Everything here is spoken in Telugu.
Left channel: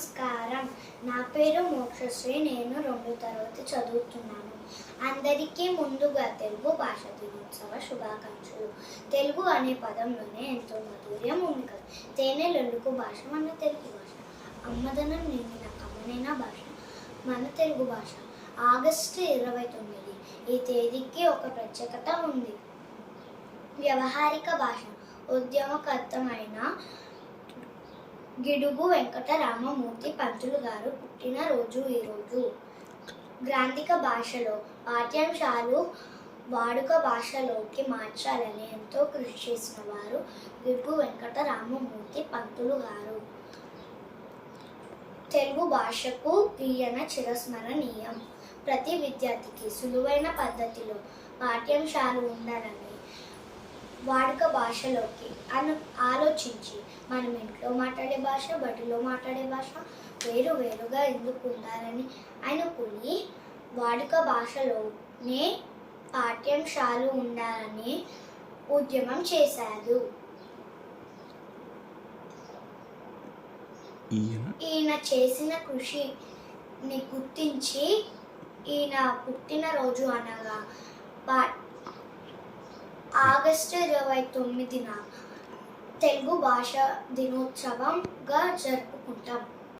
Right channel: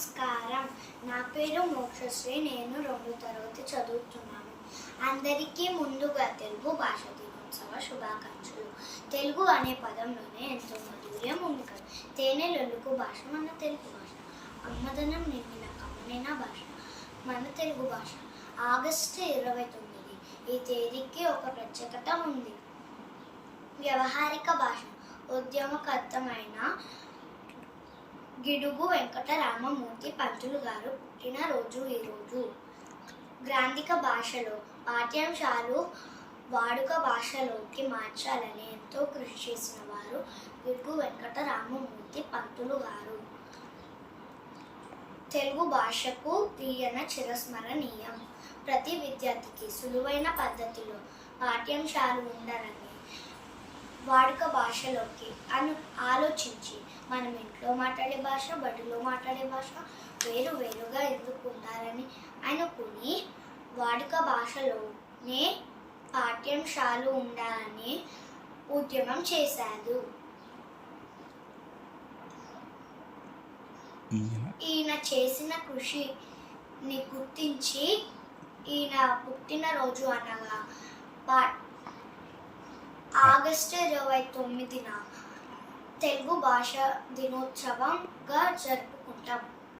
నమస్కారం. నా పేరు మోక్షశ్రీ. నేను 2వ తరగతి చదువుతున్నాను. అందరికీ ముందుగా తెలుగు భాష దినోత్సవ శుభాకాంక్షలు. తెలుగు అనే పదంలోనే ఎంతో మాధుర్యం ఉంది కదా. తేనెలొలుకు భాష మన తెలుగు భాష. అమ్మదనం నిండిన కమ్మనైన భాష మన తెలుగు భాష. ఆగస్టు 29 ఈ తేదీకి ఒక ప్రత్యేకత ఉంది. వ్యవహారిక భాష. ఉద్యమకర్తమైన గిడుగు వెంకట రామమూర్తి పంతులు గారు పుట్టినరోజు ఈరోజు. గ్రాంధిక భాషలో పాఠ్యాంశాలు వాడుక భాషలోకి మార్చాలని ఎంతో కృషి చేసిన వారు గిడుగు వెంకట రామమూర్తి పంతులు గారు. తెలుగు భాషకు తీయన చిరస్మరణీయం. ప్రతి విద్యార్థికి సులువైన పద్ధతిలో పాఠ్యాంశాలు ఉండాలని వాడుక భాషలోకి ఆలోచించి మనం ఇంట్లో మాట్లాడే భాష, బడిలో మాట్లాడే భాష వేరుగా ఎందుకు ఉండాలని అనుకుని వాడుక భాషలోనే పాఠ్యాంశాలు ఉండాలని ఉద్యమం చేశారు. ఈయన చేసిన కృషిని గుర్తించి ఈయన పుట్టినరోజు అనగా ఆగస్టు 29 తెలుగు భాష దినోత్సవంగా జరుపుకుంటాం.